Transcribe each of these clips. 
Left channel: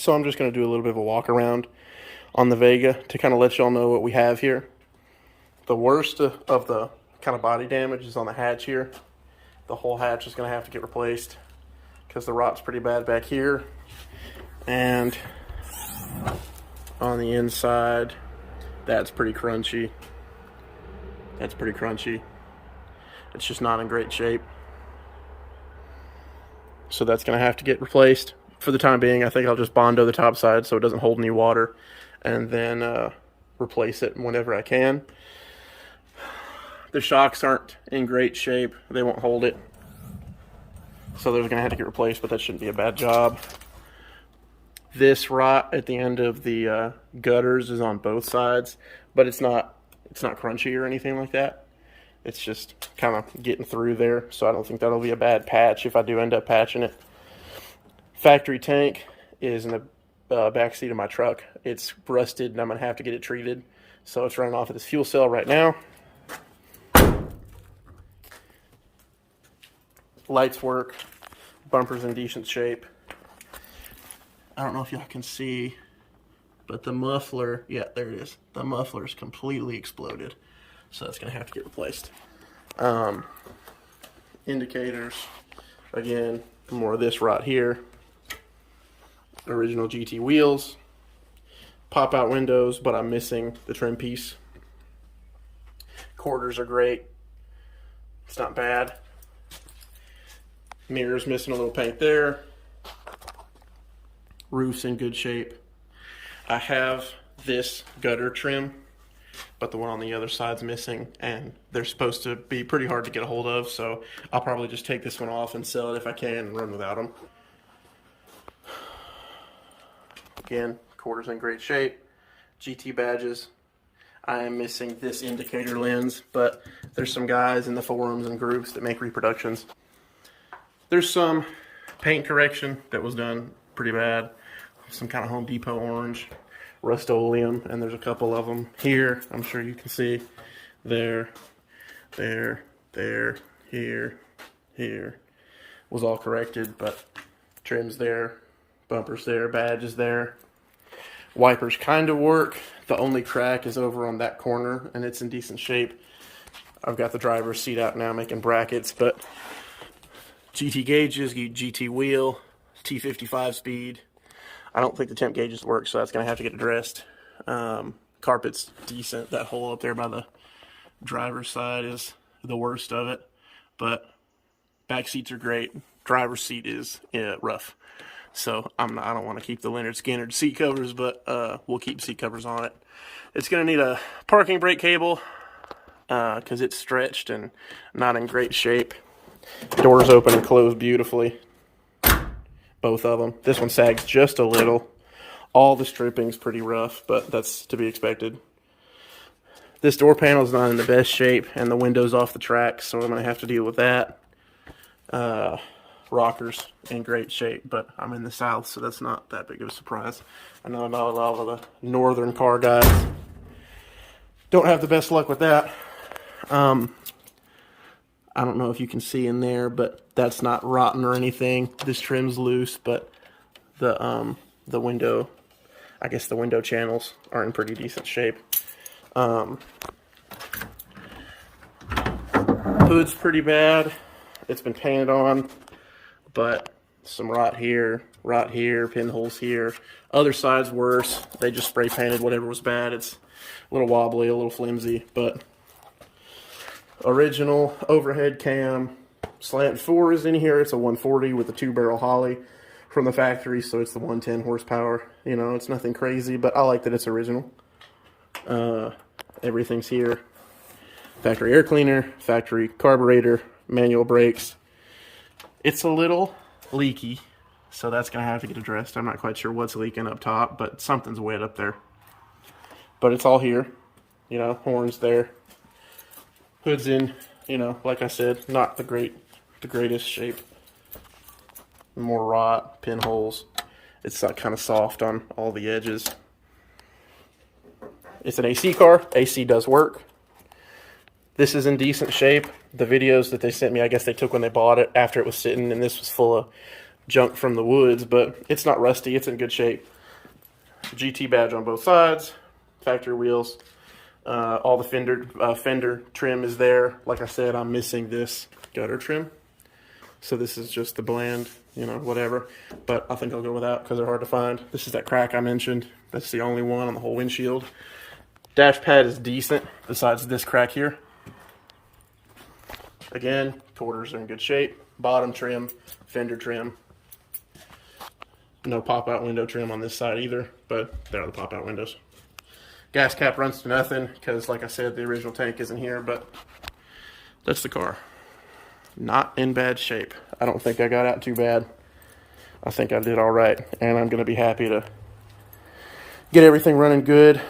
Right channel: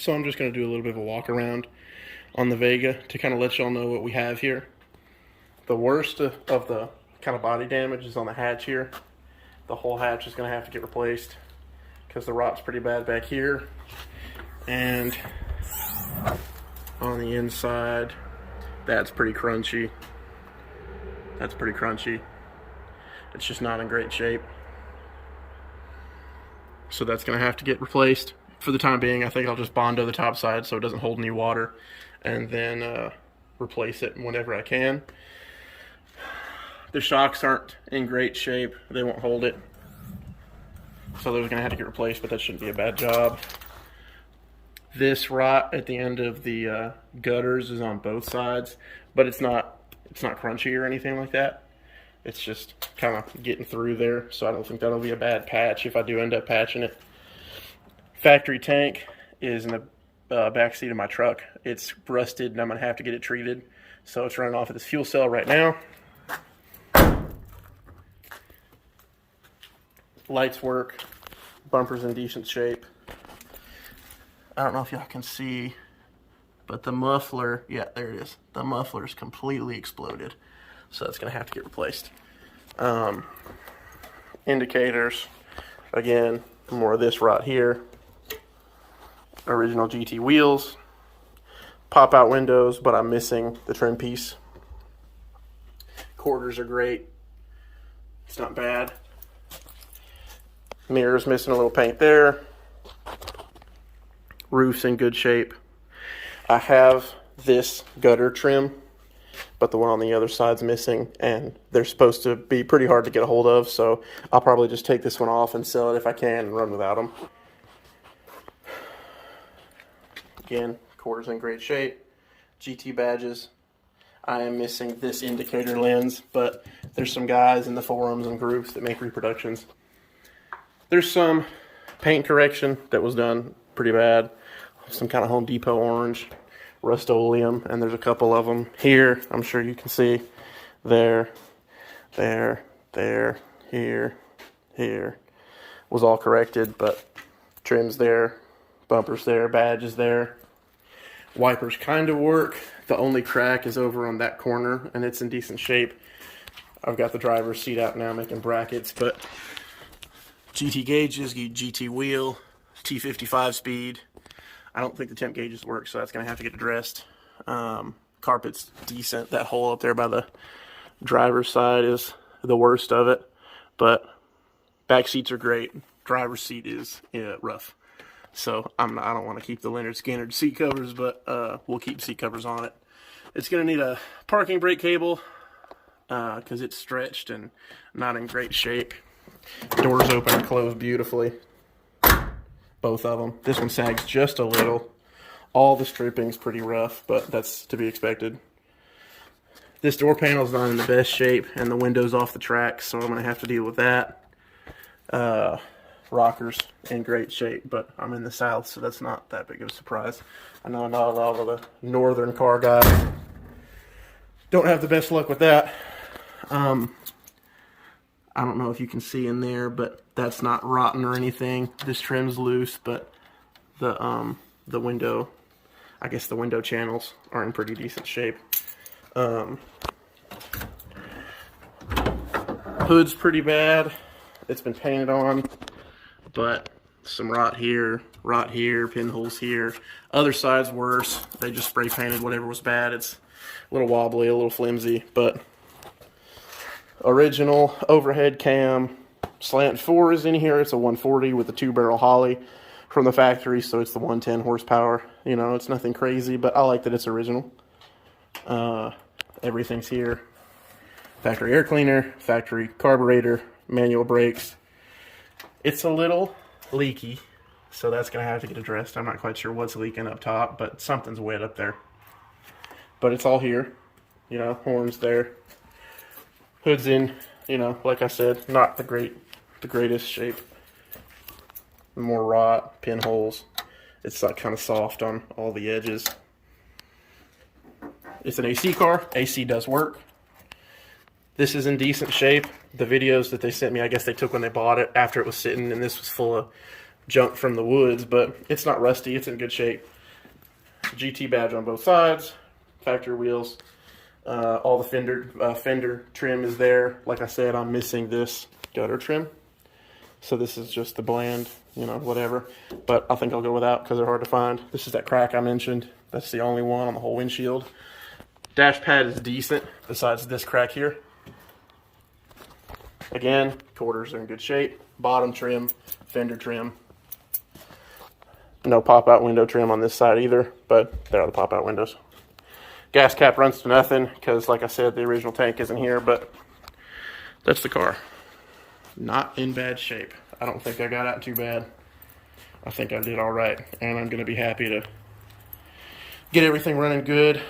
So I'm just going to do a little bit of a walk around on the Vega to kind of let y'all know what we have here. The worst of the kind of body damage is on the hatch here. The whole hatch is going to have to get replaced because the rot's pretty bad back here. And on the inside, that's pretty crunchy. That's pretty crunchy. It's just not in great shape. So that's going to have to get replaced. For the time being, I think I'll just Bondo the top side so it doesn't hold any water, and then replace it whenever I can. The shocks aren't in great shape. They won't hold it. So those are going to have to get replaced, but that shouldn't be a bad job. This rot at the end of the gutters is on both sides, but it's not crunchy or anything like that. It's just kind of getting through there, so I don't think that'll be a bad patch if I do end up patching it. Factory tank is in the back seat of my truck. It's rusted and I'm gonna have to get it treated. So it's running off of this fuel cell right now. Lights work, bumper's in decent shape. I don't know if y'all can see, but the muffler, yeah, there it is. The muffler's completely exploded. So that's gonna have to get replaced. Indicators, again, more of this rot here. Original GT wheels, pop out windows, but I'm missing the trim piece. Quarters are great. It's not bad. Mirrors missing a little paint there. Roof's in good shape. I have this gutter trim, but the one on the other side's missing, and they're supposed to be pretty hard to get a hold of, so I'll probably just take this one off and sell it if I can and run without them. Again, quarters in great shape. GT badges. I am missing this indicator lens, but there's some guys in the forums and groups that make reproductions. There's some paint correction that was done pretty bad. Some kind of Home Depot orange, Rust-Oleum, and there's a couple of them here. I'm sure you can see. There, here. Was all corrected, but trim's there, bumpers there, badges there. Wipers kind of work. The only crack is over on that corner, and it's in decent shape. I've got the driver's seat out now making brackets, but GT gauges, GT wheel, T55 speed. I don't think the temp gauges work, so that's going to have to get addressed. Carpet's decent. That hole up there by the driver's side is the worst of it, but back seats are great. Driver's seat is rough. So I don't want to keep the Leonard Skinner seat covers, but we'll keep seat covers on it. It's going to need a parking brake cable because it's stretched and not in great shape. Doors open and close beautifully. Both of them. This one sags just a little. All the stripping's pretty rough, but that's to be expected. This door panel's not in the best shape, and the window's off the track, so I'm going to have to deal with that. Rockers in great shape, but I'm in the south, so that's not that big of a surprise. I know not a lot of the northern car guys don't have the best luck with that. I don't know if you can see in there, but that's not rotten or anything. This trim's loose, but the window, I guess the window channels are in pretty decent shape. Hood's pretty bad. It's been painted on, but some rot here, pinholes here. Other side's worse. They just spray painted whatever was bad. It's a little wobbly, a little flimsy, but original overhead cam. Slant 4 is in here. It's a 140 with a 2-barrel Holly from the factory, so it's the 110 horsepower. You know, it's nothing crazy, but I like that it's original. Everything's here. Factory air cleaner, factory carburetor, manual brakes. It's a little leaky, so that's going to have to get addressed. I'm not quite sure what's leaking up top, but something's wet up there. But it's all here. You know, horns there. Hood's in, you know, like I said, not the greatest shape. More rot, pinholes. It's like kind of soft on all the edges. It's an AC car. AC does work. This is in decent shape. The videos that they sent me, I guess they took when they bought it after it was sitting, and this was full of junk from the woods, but it's not rusty. It's in good shape. GT badge on both sides, factory wheels. All the fender trim is there. Like I said, I'm missing this gutter trim. So this is just the bland, you know, whatever. But I think I'll go without because they're hard to find. This is that crack I mentioned. That's the only one on the whole windshield. Dash pad is decent besides this crack here. Again, quarters are in good shape. Bottom trim, fender trim. No pop-out window trim on this side either, but there are the pop-out windows. Gas cap runs to nothing because, like I said, the original tank isn't here, but that's the car. Not in bad shape. I don't think I got out too bad. I think I did all right, and I'm going to be happy to get everything running good. A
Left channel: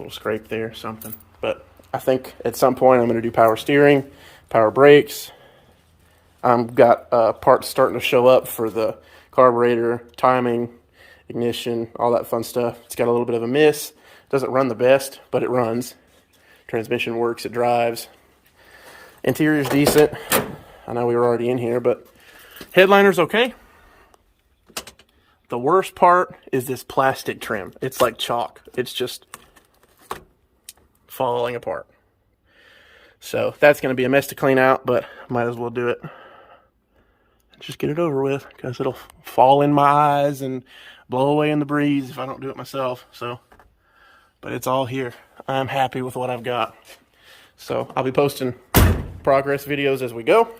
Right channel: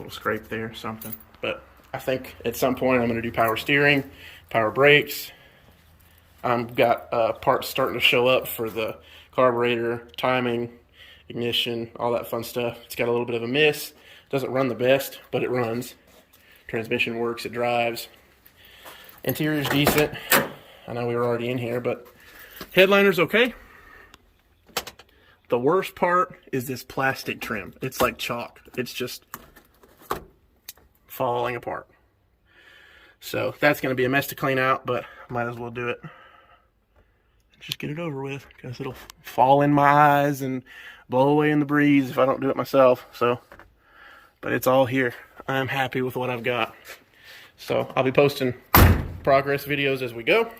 little scrape there, something. But I think at some point I'm going to do power steering, power brakes. I've got parts starting to show up for the carburetor, timing, ignition, all that fun stuff. It's got a little bit of a miss. Doesn't run the best, but it runs. Transmission works, it drives. Interior is decent. I know we were already in here, but headliner's okay. The worst part is this plastic trim. It's like chalk. It's just falling apart. So that's going to be a mess to clean out, but might as well do it. Just get it over with because it'll fall in my eyes and blow away in the breeze if I don't do it myself. So, but it's all here. I'm happy with what I've got. So I'll be posting progress videos as we go.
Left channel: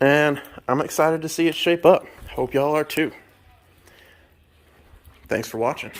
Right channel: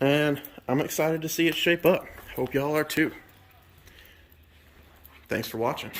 And I'm excited to see it shape up. Hope y'all are too. Thanks for watching.